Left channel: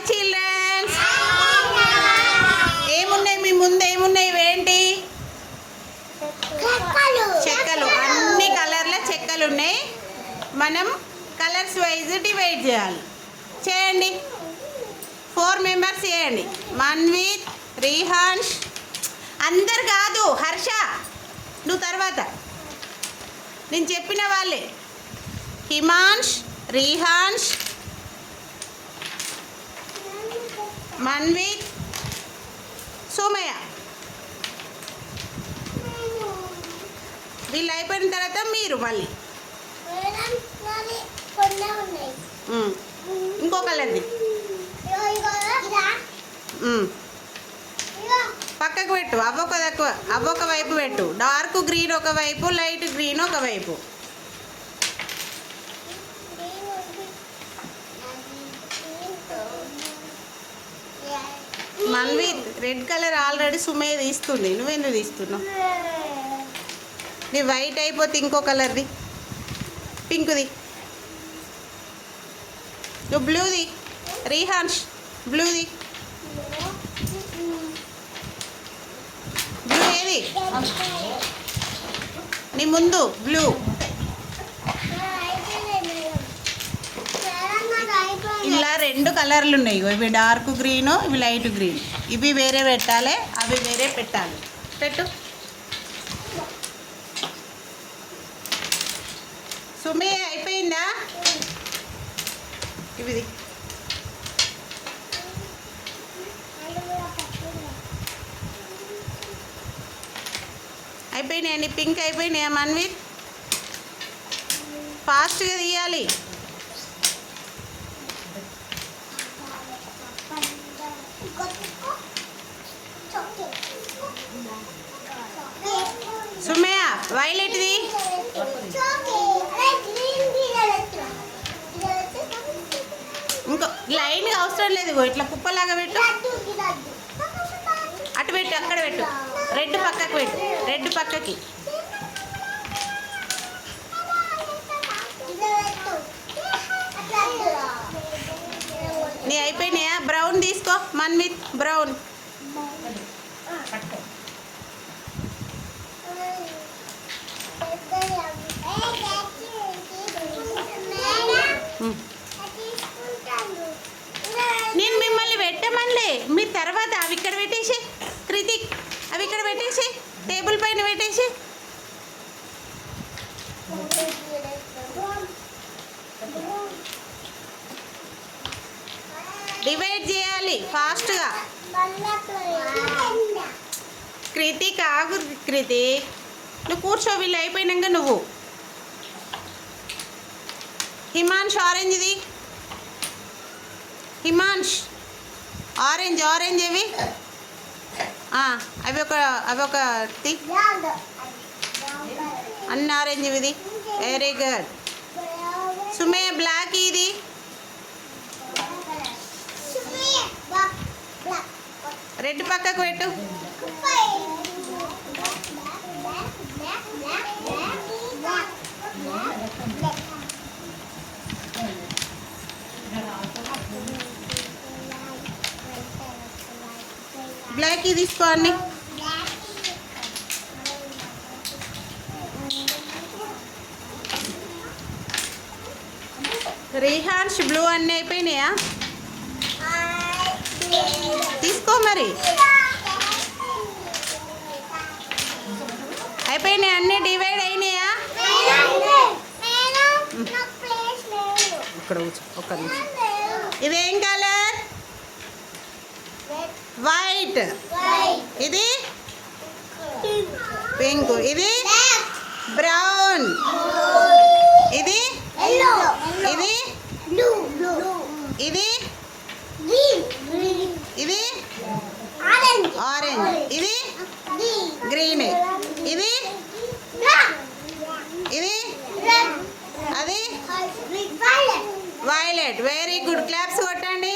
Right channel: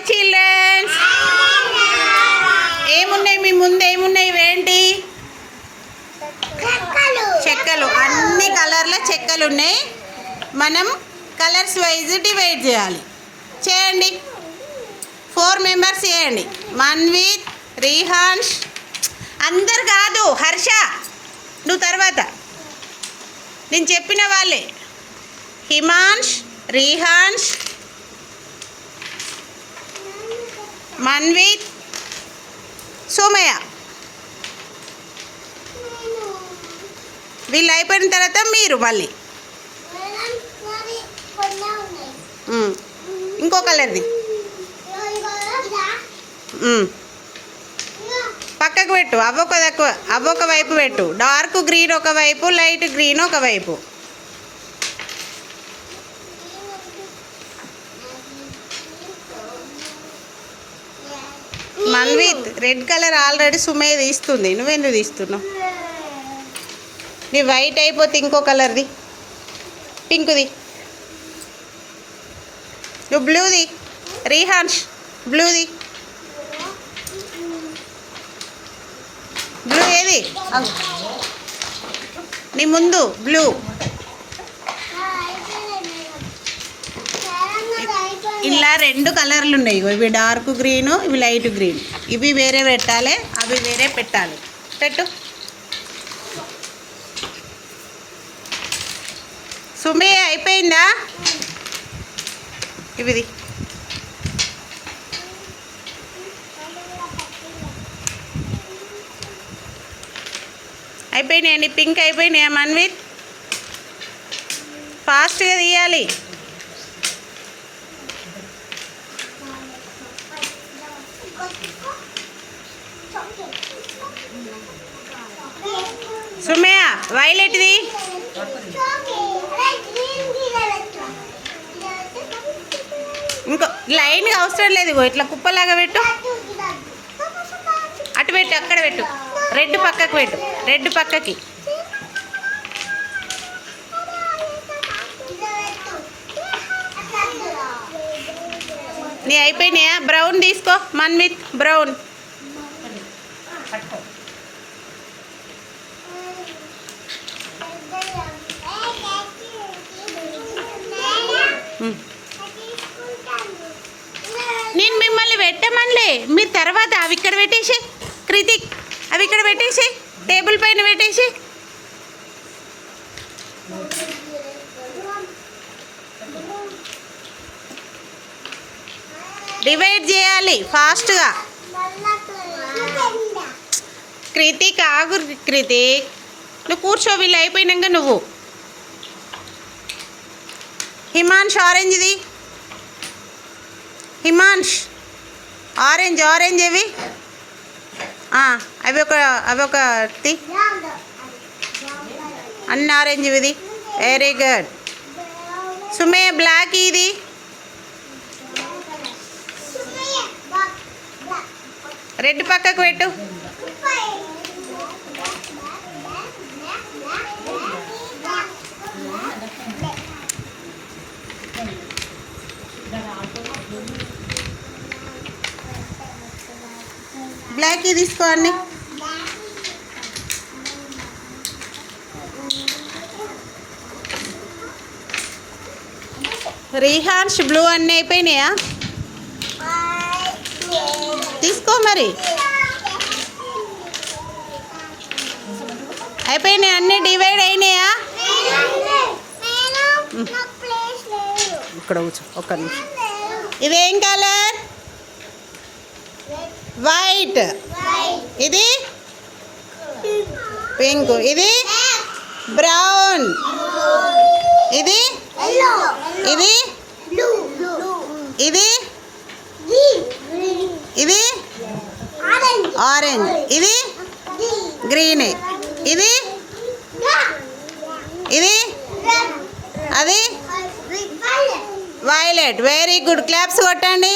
Hi children's. ఏమున్నాయి మీ ముందు? ఏమున్నాయి ఇవేంటి? చెక్కలు. అన్ని కలర్ల చెక్కలు ఉన్నాయి. మనం కలర్స్ వైజ్ డివైడ్ చేయాలి. చేయండి. 4 మెంబర్స్ చేయండి. మన్విత్, రీహాన్స్, అందరు కాదు, హర్ష నువ్వు తర్వాత. నేను చెప్పిన వాళ్ళే. హిమాంష్, రీహాన్స్, మన్విత్, సోమయ్య. వీళ్ళు అయిపోయిన తర్వాత మీరు మళ్ళీ ఇంకో కలర్ది పక్కకు పెట్టు. అవ్వొక వైపు పెట్టు. డార్క్ గ్రీన్ ఒకవైపు, లైట్ గ్రీన్ ఒకవైపు. Manvith, red colour already Sumayya తీస్తుంది, నువ్వెందుకు తీస్తున్నావు? నీ వైట్ అయిపోతే ఇంకో కలర్ది, పింక్ది. నువ్వు బ్లూది. రీహాన్స్ బ్లూది. బ్లూ ఏది? నీ ముందు బ్లూ. ఇలా 2 కలర్లు ఉన్నాయి. ఇవి డార్క్ గ్రీను, ఇవి లైట్ గ్రీన్. ఇవి వేరే పెట్టాలి, అవి వేరే పెట్టాలి. పెట్టు. సుమే అయిపోయిందా? ఇవిది అయిపోయినాయండి. పింక్ అయిపోయినాయా మన్విత్? ఫాస్ట్గా తీయాలి. సుమయ్య వైలెట్ది. ఇంకో లైన్గా అవసరం లేదు. ఇట్లా కుప్పలాగా పెట్టు. అటు పెట్టు, అక్కడ పెట్టు. రెడ్ పక్కకు పెట్టు. రెడ్ పక్కకి. నీ అయిపోయినాయా? బ్రౌన్ తీసుకో మన్విత్. బ్రౌన్. నేను మిమ్మల్ని పెట్టమనిలే. మీరు తర్వాత అవి ఇక్కడ పెట్టేసి, కృతిక్ అవి ఇక్కడ పెట్టేసి, టేబుల్ పైన పెట్టేసి. డివైడ్ చేయాలి ఫాస్ట్గా. కృతిక్ ఆగు. కృతిక్ నువ్వు కూర్చో. వీళ్ళు అయిపోయినాక నువ్వు. హిమాంష్ ఆరెంజ్ది. హిమాంష్ ఆరెంజ్. ఆరెంజ్ ఇవి అవి ఒక అన్ని ఆరెంజ్ ఇవి. Very good. సుమయ్య బ్లాక్. ఇది రెడ్ పక్కకు పెట్టు. బ్లాక్ తీసుకోండి. రీహాన్స్ బ్లూ అన్నీ అయిపోయినాయా? తీసుకో మరి. అయిపోయినాయి అన్నీ. డివైడ్ అయినాయా? ఇక్కడ కూర్చో ఒక్క నిమిషం. ఇదేం కలర్? వైట్. ఇది పింక్. ఇది బ్రౌన్. ఇది ఇది ఇది ఇది ఆరెంజ్. ఇది గ్రీన్. ఇది ఇది అది వైలెట్. Very good. క్లాప్స్ కొట్టండి.